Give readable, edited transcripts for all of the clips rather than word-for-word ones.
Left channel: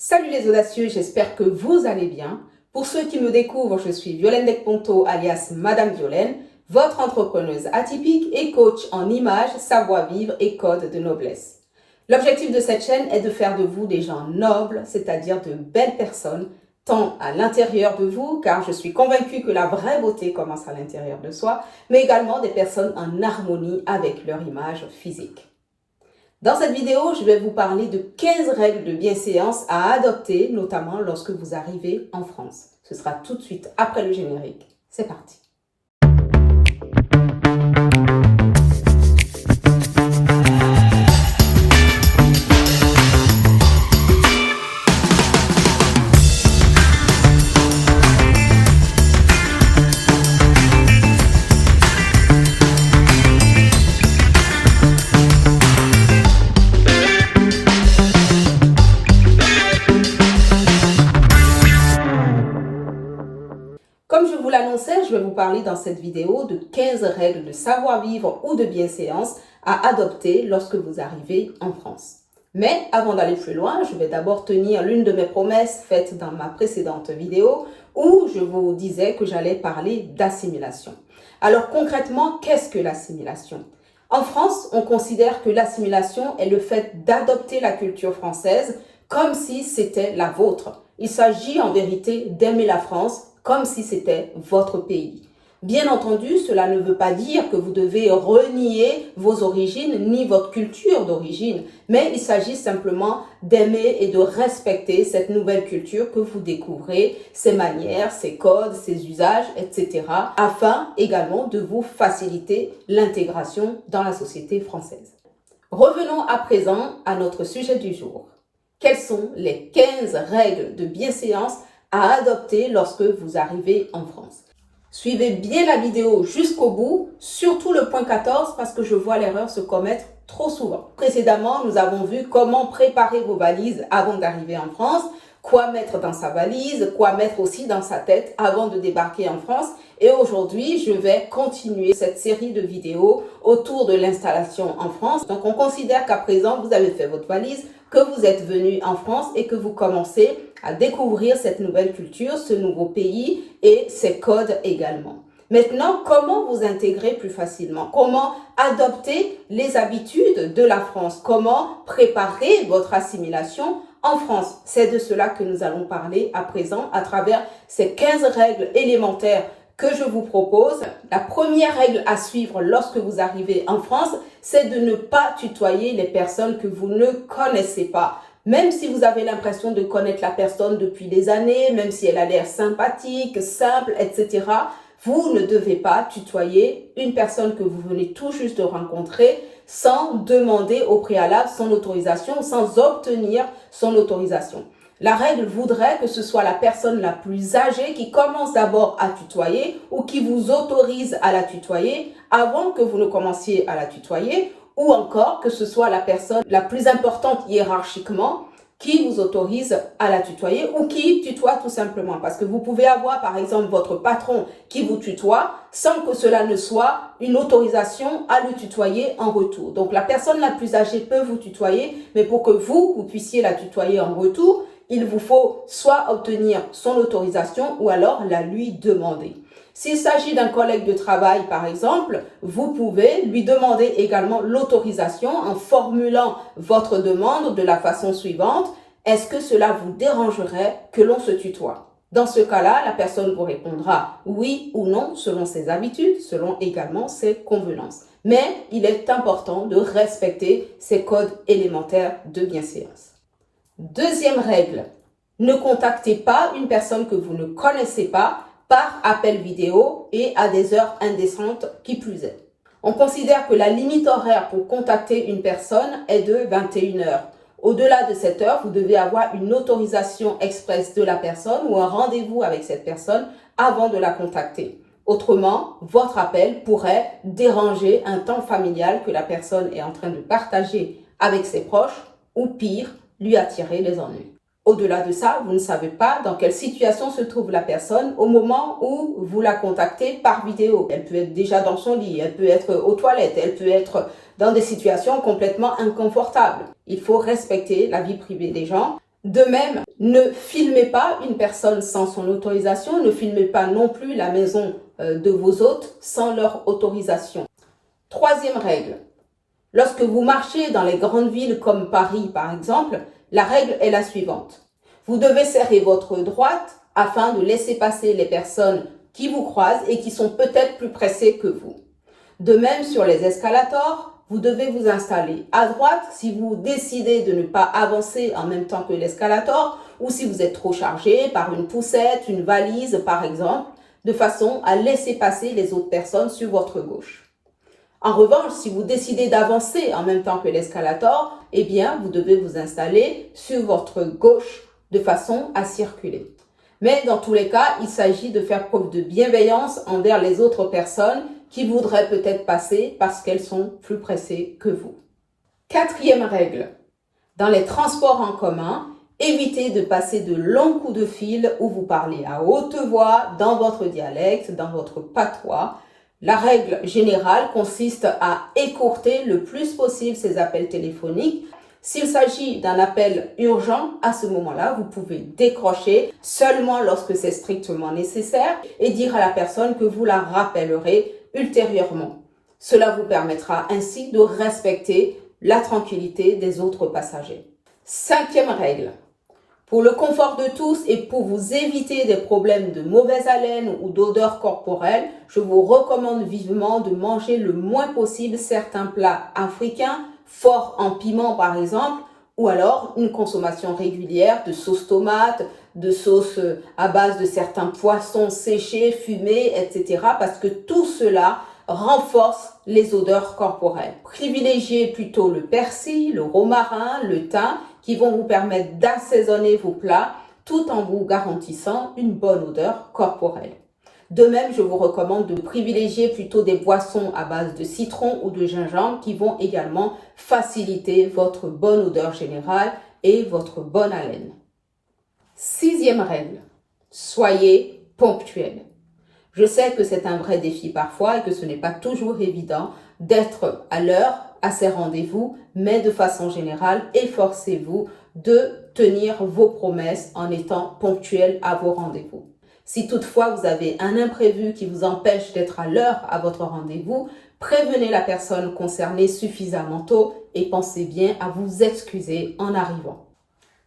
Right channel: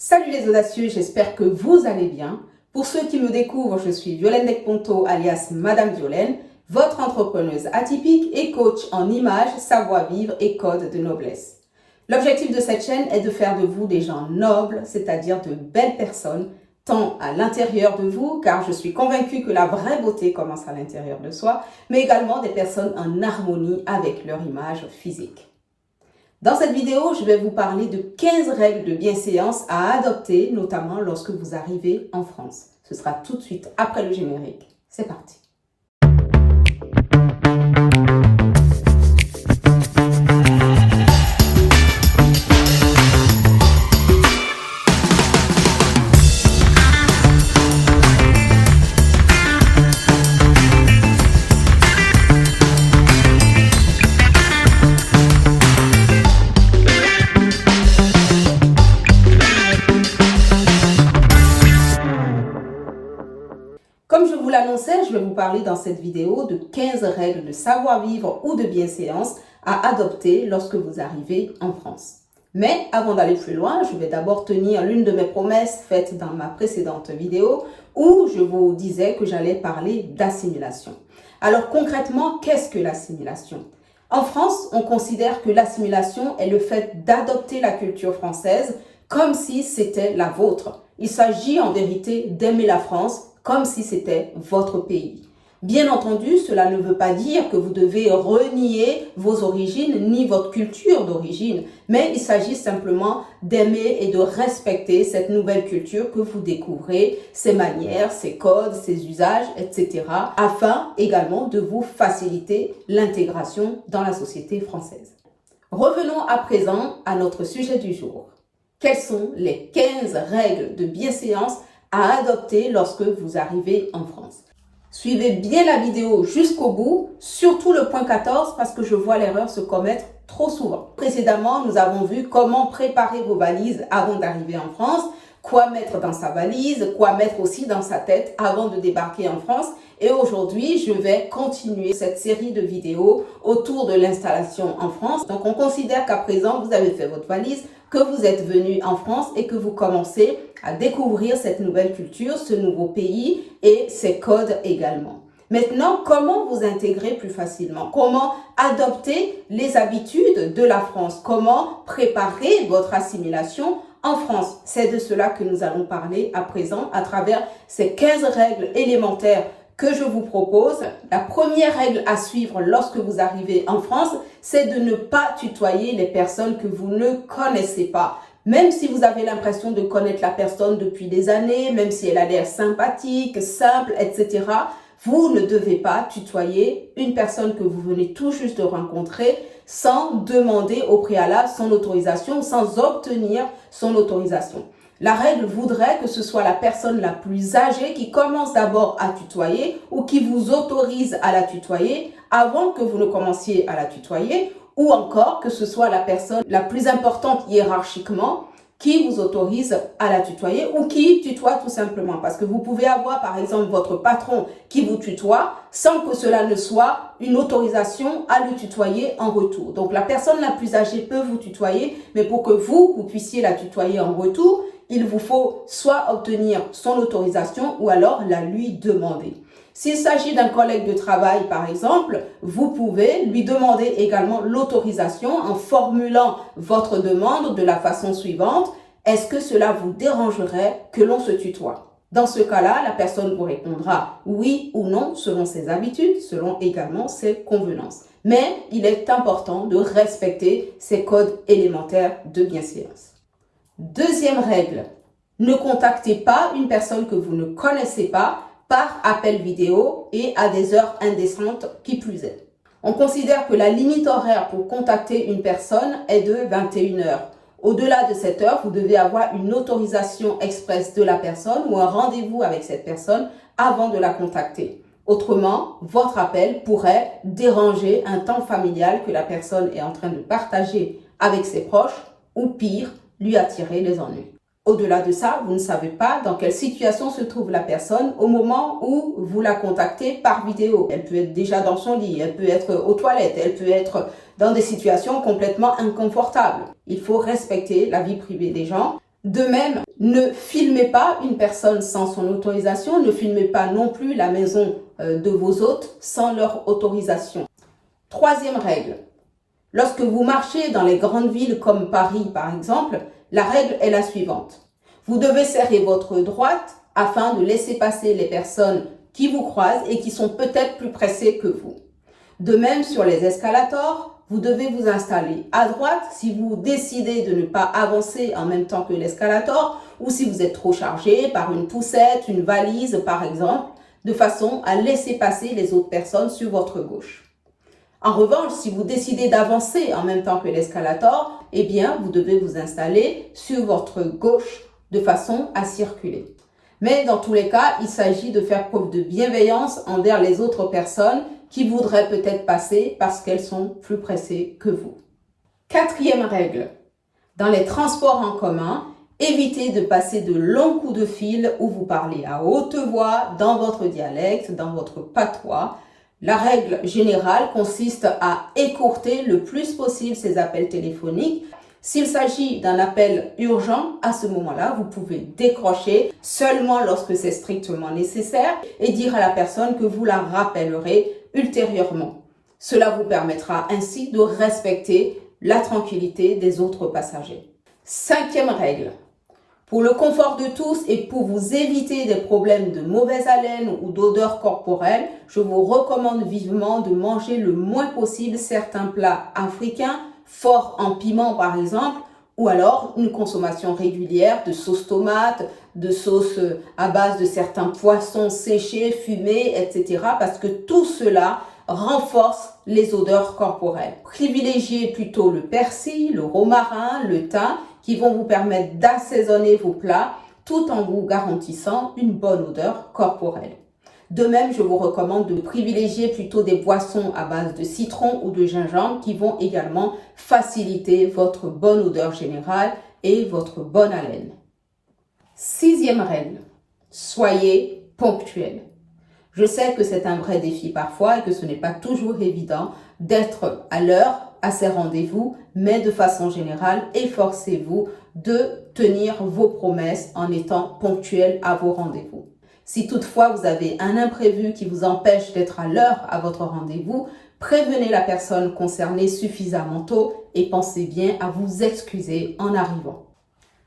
Salut les audacieux, j'espère que vous allez bien. Pour ceux qui me découvrent, je suis Violaine Decponto alias Madame Violaine, votre entrepreneuse atypique et coach en images, savoir-vivre et code de noblesse. L'objectif de cette chaîne est de faire de vous des gens nobles, c'est-à-dire de belles personnes, tant à l'intérieur de vous, car je suis convaincue que la vraie beauté commence à l'intérieur de soi, mais également des personnes en harmonie avec leur image physique. Dans cette vidéo, je vais vous parler de 15 règles de bienséance à adopter, notamment lorsque vous arrivez en France. Ce sera tout de suite après le générique. C'est parti. Comme je vous l'annonçais, je vais vous parler dans cette vidéo de 15 règles de savoir-vivre ou de bienséance à adopter lorsque vous arrivez en France. Mais avant d'aller plus loin, je vais d'abord tenir l'une de mes promesses faites dans ma précédente vidéo où je vous disais que j'allais parler d'assimilation. Alors concrètement, qu'est-ce que l'assimilation ? En France, on considère que l'assimilation est le fait d'adopter la culture française comme si c'était la vôtre. Il s'agit en vérité d'aimer la France comme si c'était votre pays. Bien entendu, cela ne veut pas dire que vous devez renier vos origines ni votre culture d'origine, mais il s'agit simplement d'aimer et de respecter cette nouvelle culture que vous découvrez, ses manières, ses codes, ses usages, etc., afin également de vous faciliter l'intégration dans la société française. Revenons à présent à notre sujet du jour. Quelles sont les 15 règles de bienséance à adopter lorsque vous arrivez en France? Suivez bien la vidéo jusqu'au bout, surtout le point 14 parce que je vois l'erreur se commettre trop souvent. Précédemment, nous avons vu comment préparer vos valises avant d'arriver en France, quoi mettre dans sa valise, quoi mettre aussi dans sa tête avant de débarquer en France. Et aujourd'hui, je vais continuer cette série de vidéos autour de l'installation en France. Donc, on considère qu'à présent, vous avez fait votre valise, que vous êtes venu en France et que vous commencez à découvrir cette nouvelle culture, ce nouveau pays et ses codes également. Maintenant, comment vous intégrer plus facilement? Comment adopter les habitudes de la France? Comment préparer votre assimilation en France? C'est de cela que nous allons parler à présent à travers ces 15 règles élémentaires que je vous propose. La première règle à suivre lorsque vous arrivez en France, c'est de ne pas tutoyer les personnes que vous ne connaissez pas. Même si vous avez l'impression de connaître la personne depuis des années, même si elle a l'air sympathique, simple, etc., vous ne devez pas tutoyer une personne que vous venez tout juste de rencontrer sans demander au préalable son autorisation ou sans obtenir son autorisation. La règle voudrait que ce soit la personne la plus âgée qui commence d'abord à tutoyer ou qui vous autorise à la tutoyer avant que vous ne commenciez à la tutoyer, ou encore que ce soit la personne la plus importante hiérarchiquement qui vous autorise à la tutoyer ou qui tutoie tout simplement. Parce que vous pouvez avoir par exemple votre patron qui vous tutoie sans que cela ne soit une autorisation à le tutoyer en retour. Donc la personne la plus âgée peut vous tutoyer, mais pour que vous puissiez la tutoyer en retour, il vous faut soit obtenir son autorisation ou alors la lui demander. S'il s'agit d'un collègue de travail, par exemple, vous pouvez lui demander également l'autorisation en formulant votre demande de la façon suivante. Est-ce que cela vous dérangerait que l'on se tutoie? Dans ce cas-là, la personne vous répondra oui ou non selon ses habitudes, selon également ses convenances. Mais il est important de respecter ces codes élémentaires de bienséance. Deuxième règle, ne contactez pas une personne que vous ne connaissez pas par appel vidéo et à des heures indécentes qui plus est. On considère que la limite horaire pour contacter une personne est de 21 heures. Au-delà de cette heure, vous devez avoir une autorisation expresse de la personne ou un rendez-vous avec cette personne avant de la contacter. Autrement, votre appel pourrait déranger un temps familial que la personne est en train de partager avec ses proches ou pire, lui attirer les ennuis. Au-delà de ça, vous ne savez pas dans quelle situation se trouve la personne au moment où vous la contactez par vidéo. Elle peut être déjà dans son lit, elle peut être aux toilettes, elle peut être dans des situations complètement inconfortables. Il faut respecter la vie privée des gens. De même, ne filmez pas une personne sans son autorisation, ne filmez pas non plus la maison de vos hôtes sans leur autorisation. Troisième règle, lorsque vous marchez dans les grandes villes comme Paris par exemple, la règle est la suivante. Vous devez serrer votre droite afin de laisser passer les personnes qui vous croisent et qui sont peut-être plus pressées que vous. De même, sur les escalators, vous devez vous installer à droite si vous décidez de ne pas avancer en même temps que l'escalator ou si vous êtes trop chargé par une poussette, une valise par exemple, de façon à laisser passer les autres personnes sur votre gauche. En revanche, si vous décidez d'avancer en même temps que l'escalator, eh bien, vous devez vous installer sur votre gauche de façon à circuler. Mais dans tous les cas, il s'agit de faire preuve de bienveillance envers les autres personnes qui voudraient peut-être passer parce qu'elles sont plus pressées que vous. Quatrième règle, dans les transports en commun, évitez de passer de longs coups de fil où vous parlez à haute voix, dans votre dialecte, dans votre patois. La règle générale consiste à écourter le plus possible ces appels téléphoniques. S'il s'agit d'un appel urgent, à ce moment-là, vous pouvez décrocher seulement lorsque c'est strictement nécessaire et dire à la personne que vous la rappellerez ultérieurement. Cela vous permettra ainsi de respecter la tranquillité des autres passagers. Cinquième règle. Pour le confort de tous et pour vous éviter des problèmes de mauvaise haleine ou d'odeur corporelle, je vous recommande vivement de manger le moins possible certains plats africains, forts en piment par exemple, ou alors une consommation régulière de sauce tomate, de sauce à base de certains poissons séchés, fumés, etc. parce que tout cela renforce les odeurs corporelles. Privilégiez plutôt le persil, le romarin, le thym qui vont vous permettre d'assaisonner vos plats tout en vous garantissant une bonne odeur corporelle. De même, je vous recommande de privilégier plutôt des boissons à base de citron ou de gingembre qui vont également faciliter votre bonne odeur générale et votre bonne haleine. Sixième règle, soyez ponctuel. Je sais que c'est un vrai défi parfois et que ce n'est pas toujours évident d'être à l'heure à ces rendez-vous, mais de façon générale, efforcez-vous de tenir vos promesses en étant ponctuel à vos rendez-vous. Si toutefois vous avez un imprévu qui vous empêche d'être à l'heure à votre rendez-vous, prévenez la personne concernée suffisamment tôt et pensez bien à vous excuser en arrivant.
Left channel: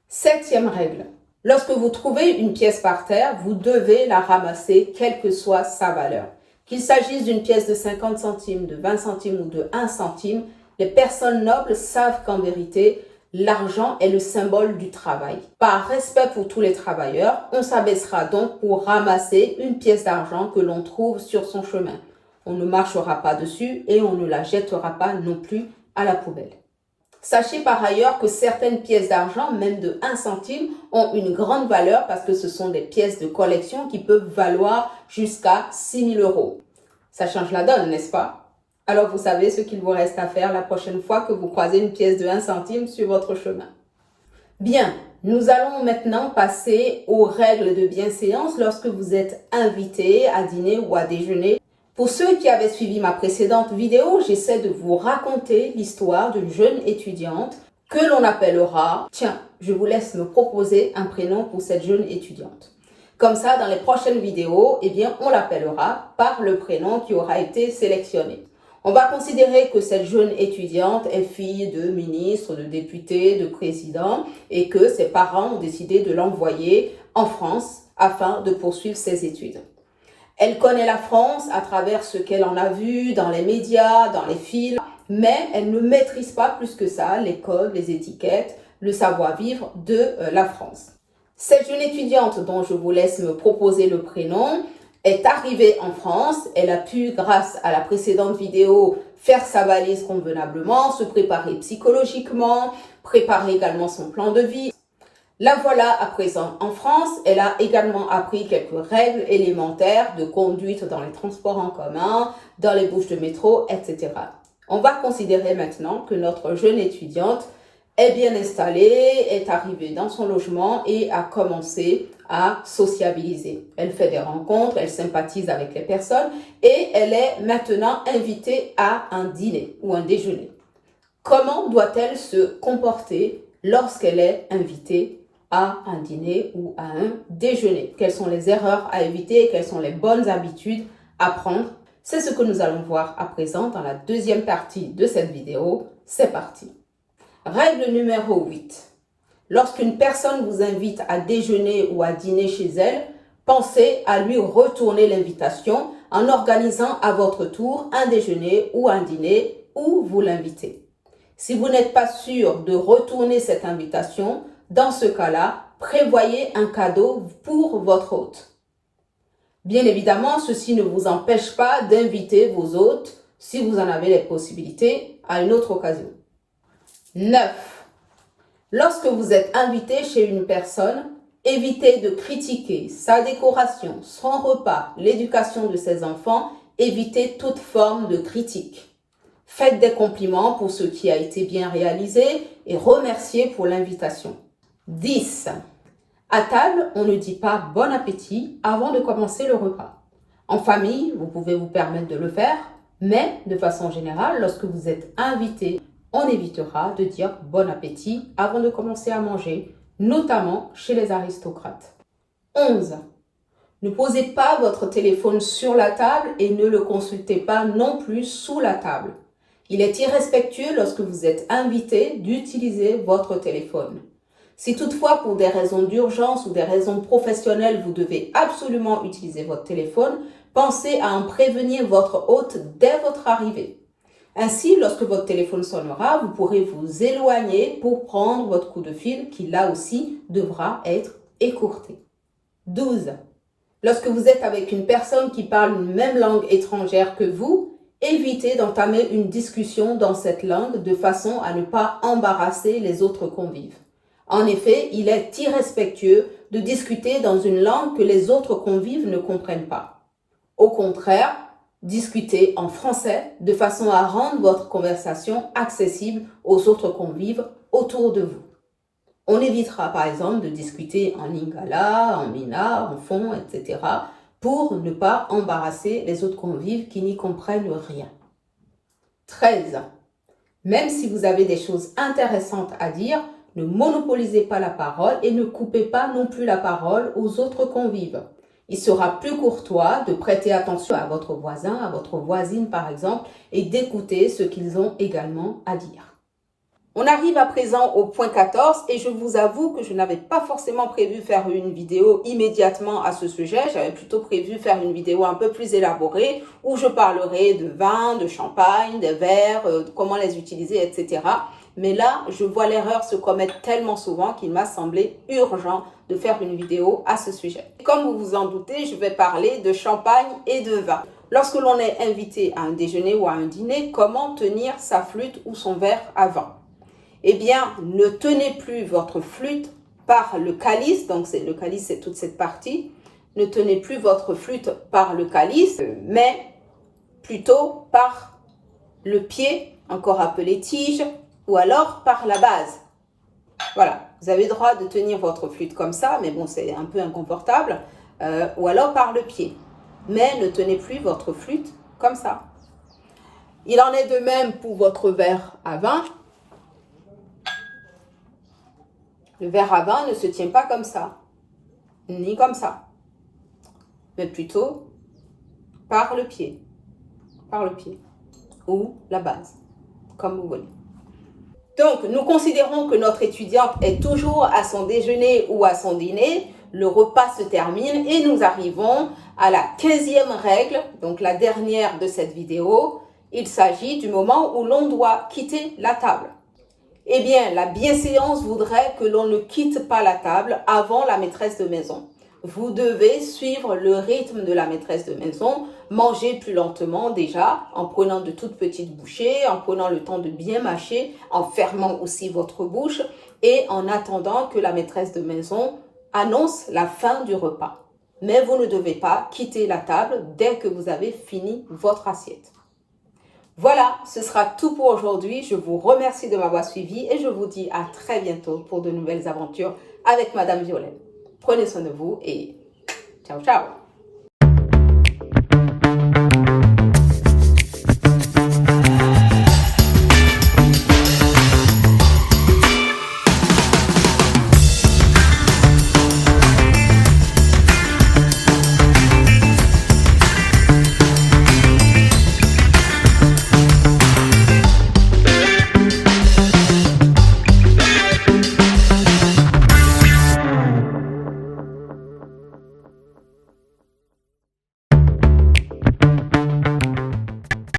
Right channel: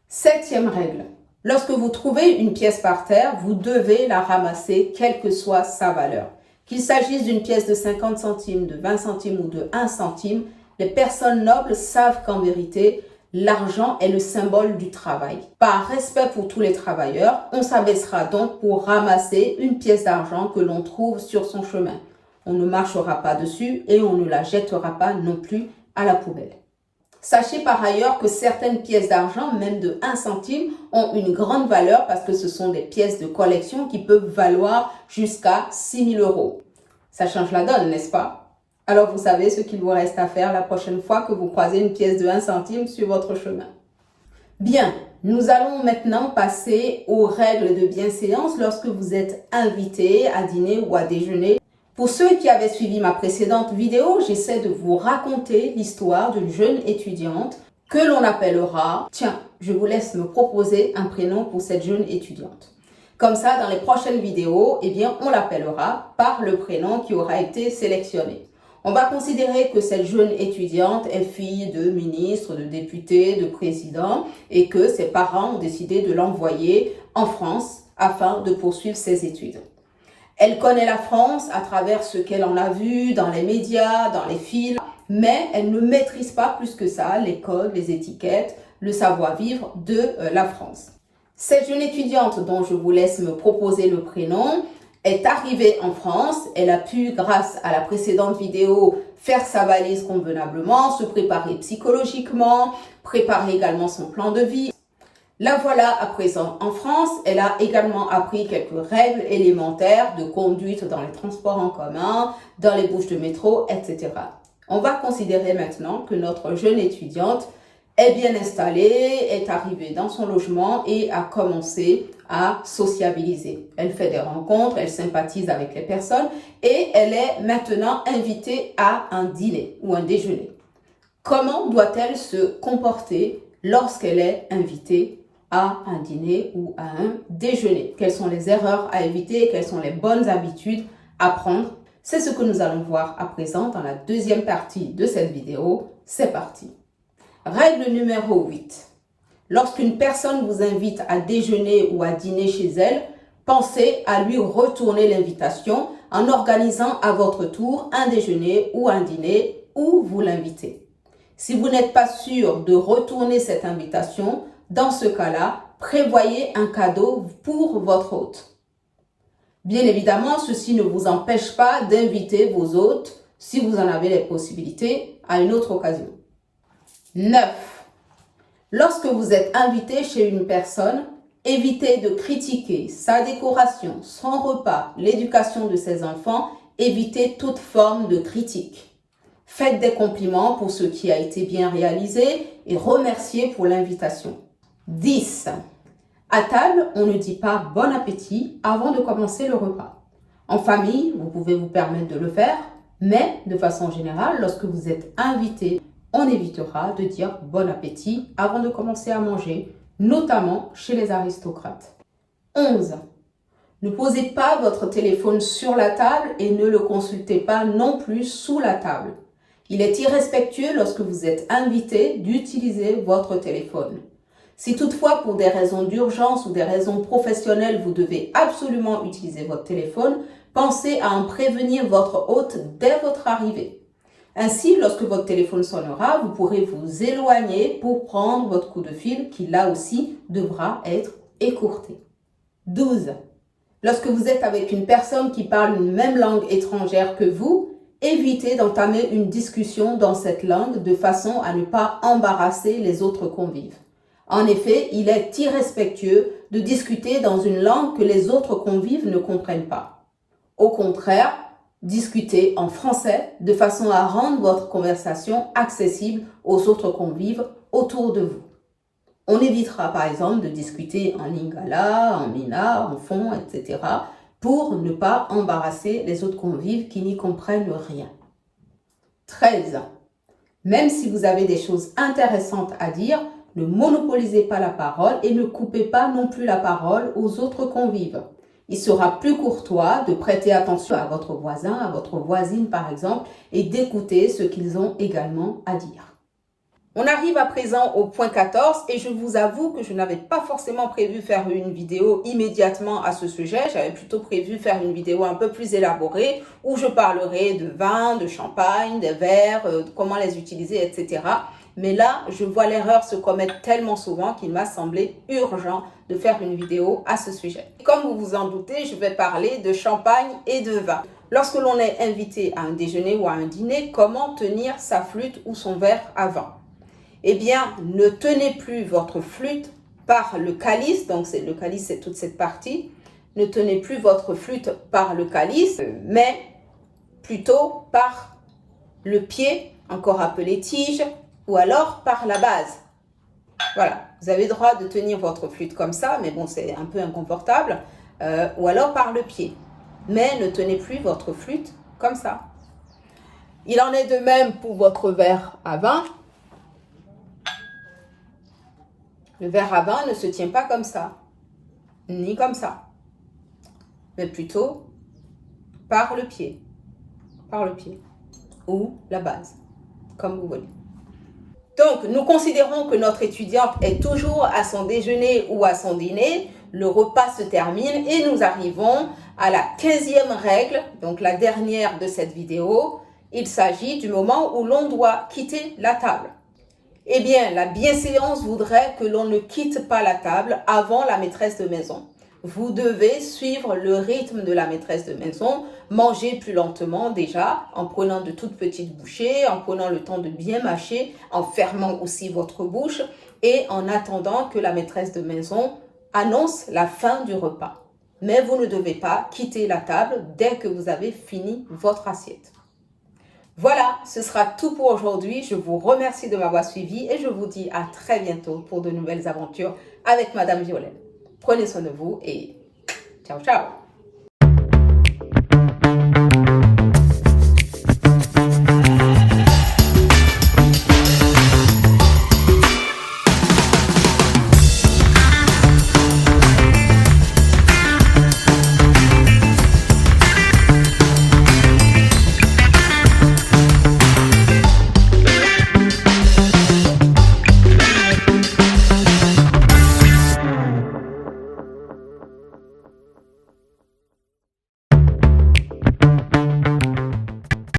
Septième règle. Lorsque vous trouvez une pièce par terre, vous devez la ramasser quelle que soit sa valeur. Qu'il s'agisse d'une pièce de 50 centimes, de 20 centimes ou de 1 centime, les personnes nobles savent qu'en vérité, l'argent est le symbole du travail. Par respect pour tous les travailleurs, on s'abaissera donc pour ramasser une pièce d'argent que l'on trouve sur son chemin. On ne marchera pas dessus et on ne la jettera pas non plus à la poubelle. Sachez par ailleurs que certaines pièces d'argent, même de 1 centime, ont une grande valeur parce que ce sont des pièces de collection qui peuvent valoir jusqu'à 6 000 €. Ça change la donne, n'est-ce pas? Alors vous savez ce qu'il vous reste à faire la prochaine fois que vous croisez une pièce de 1 centime sur votre chemin. Bien, nous allons maintenant passer aux règles de bienséance lorsque vous êtes invité à dîner ou à déjeuner. Pour ceux qui avaient suivi ma précédente vidéo, j'essaie de vous raconter l'histoire d'une jeune étudiante que l'on appellera... Tiens, je vous laisse me proposer un prénom pour cette jeune étudiante. Comme ça, dans les prochaines vidéos, eh bien, on l'appellera par le prénom qui aura été sélectionné. On va considérer que cette jeune étudiante est fille de ministre, de député, de président et que ses parents ont décidé de l'envoyer en France afin de poursuivre ses études. Elle connaît la France à travers ce qu'elle en a vu dans les médias, dans les films, mais elle ne maîtrise pas plus que ça les codes, les étiquettes, le savoir-vivre de la France. Cette jeune étudiante dont je vous laisse me proposer le prénom est arrivée en France. Elle a pu, grâce à la précédente vidéo, faire sa valise convenablement, se préparer psychologiquement, préparer également son plan de vie. La voilà à présent en France. Elle a également appris quelques règles élémentaires de conduite dans les transports en commun, dans les bouches de métro, etc. On va considérer maintenant que notre jeune étudiante est bien installée, est arrivée dans son logement et a commencé à sociabiliser. Elle fait des rencontres, elle sympathise avec les personnes et elle est maintenant invitée à un dîner ou un déjeuner. Comment doit-elle se comporter lorsqu'elle est invitée à un dîner ou à un déjeuner. Quelles sont les erreurs à éviter, quelles sont les bonnes habitudes à prendre. C'est ce que nous allons voir à présent dans la deuxième partie de cette vidéo. C'est parti. Règle numéro 8. Lorsqu'une personne vous invite à déjeuner ou à dîner chez elle, pensez à lui retourner l'invitation en organisant à votre tour un déjeuner ou un dîner où vous l'invitez. Si vous n'êtes pas sûr de retourner cette invitation, dans ce cas-là, prévoyez un cadeau pour votre hôte. Bien évidemment, ceci ne vous empêche pas d'inviter vos hôtes, si vous en avez les possibilités, à une autre occasion. 9. Lorsque vous êtes invité chez une personne, évitez de critiquer sa décoration, son repas, l'éducation de ses enfants, évitez toute forme de critique. Faites des compliments pour ce qui a été bien réalisé et remerciez pour l'invitation. 10. À table, on ne dit pas « bon appétit » avant de commencer le repas. En famille, vous pouvez vous permettre de le faire, mais de façon générale, lorsque vous êtes invité, on évitera de dire « bon appétit » avant de commencer à manger, notamment chez les aristocrates. 11. Ne posez pas votre téléphone sur la table et ne le consultez pas non plus sous la table. Il est irrespectueux lorsque vous êtes invité d'utiliser votre téléphone. Si toutefois, pour des raisons d'urgence ou des raisons professionnelles, vous devez absolument utiliser votre téléphone, pensez à en prévenir votre hôte dès votre arrivée. Ainsi, lorsque votre téléphone sonnera, vous pourrez vous éloigner pour prendre votre coup de fil qui, là aussi, devra être écourté. 12. Lorsque vous êtes avec une personne qui parle une même langue étrangère que vous, évitez d'entamer une discussion dans cette langue de façon à ne pas embarrasser les autres convives. En effet, il est irrespectueux de discuter dans une langue que les autres convives ne comprennent pas. Au contraire, discutez en français de façon à rendre votre conversation accessible aux autres convives autour de vous. On évitera par exemple de discuter en lingala, en mina, en fon, etc. pour ne pas embarrasser les autres convives qui n'y comprennent rien. 13. Même si vous avez des choses intéressantes à dire, ne monopolisez pas la parole et ne coupez pas non plus la parole aux autres convives. Il sera plus courtois de prêter attention à votre voisin, à votre voisine par exemple, et d'écouter ce qu'ils ont également à dire. On arrive à présent au point 14 et je vous avoue que je n'avais pas forcément prévu faire une vidéo immédiatement à ce sujet. J'avais plutôt prévu faire une vidéo un peu plus élaborée où je parlerai de vin, de champagne, des verres, comment les utiliser, etc. Mais là, je vois l'erreur se commettre tellement souvent qu'il m'a semblé urgent de faire une vidéo à ce sujet. Comme vous vous en doutez, je vais parler de champagne et de vin. Lorsque l'on est invité à un déjeuner ou à un dîner, comment tenir sa flûte ou son verre à vin? Eh bien, ne tenez plus votre flûte par le calice, donc le calice c'est toute cette partie, ne tenez plus votre flûte par le calice, mais plutôt par le pied, encore appelé tige, ou alors par la base. Voilà, vous avez le droit de tenir votre flûte comme ça, mais bon, c'est un peu inconfortable, ou alors par le pied. Mais ne tenez plus votre flûte comme ça. Il en est de même pour votre verre à vin. Le verre à vin ne se tient pas comme ça, ni comme ça, mais plutôt par le pied, ou la base, comme vous voulez. Donc, nous considérons que notre étudiante est toujours à son déjeuner ou à son dîner, le repas se termine et nous arrivons à la 15e règle, donc la dernière de cette vidéo. Il s'agit du moment où l'on doit quitter la table. Eh bien, la bienséance voudrait que l'on ne quitte pas la table avant la maîtresse de maison. Vous devez suivre le rythme de la maîtresse de maison, manger plus lentement déjà, en prenant de toutes petites bouchées, en prenant le temps de bien mâcher, en fermant aussi votre bouche et en attendant que la maîtresse de maison annonce la fin du repas. Mais vous ne devez pas quitter la table dès que vous avez fini votre assiette. Voilà, ce sera tout pour aujourd'hui. Je vous remercie de m'avoir suivi et je vous dis à très bientôt pour de nouvelles aventures avec Madame Violaine. Prenez soin de vous et ciao, ciao!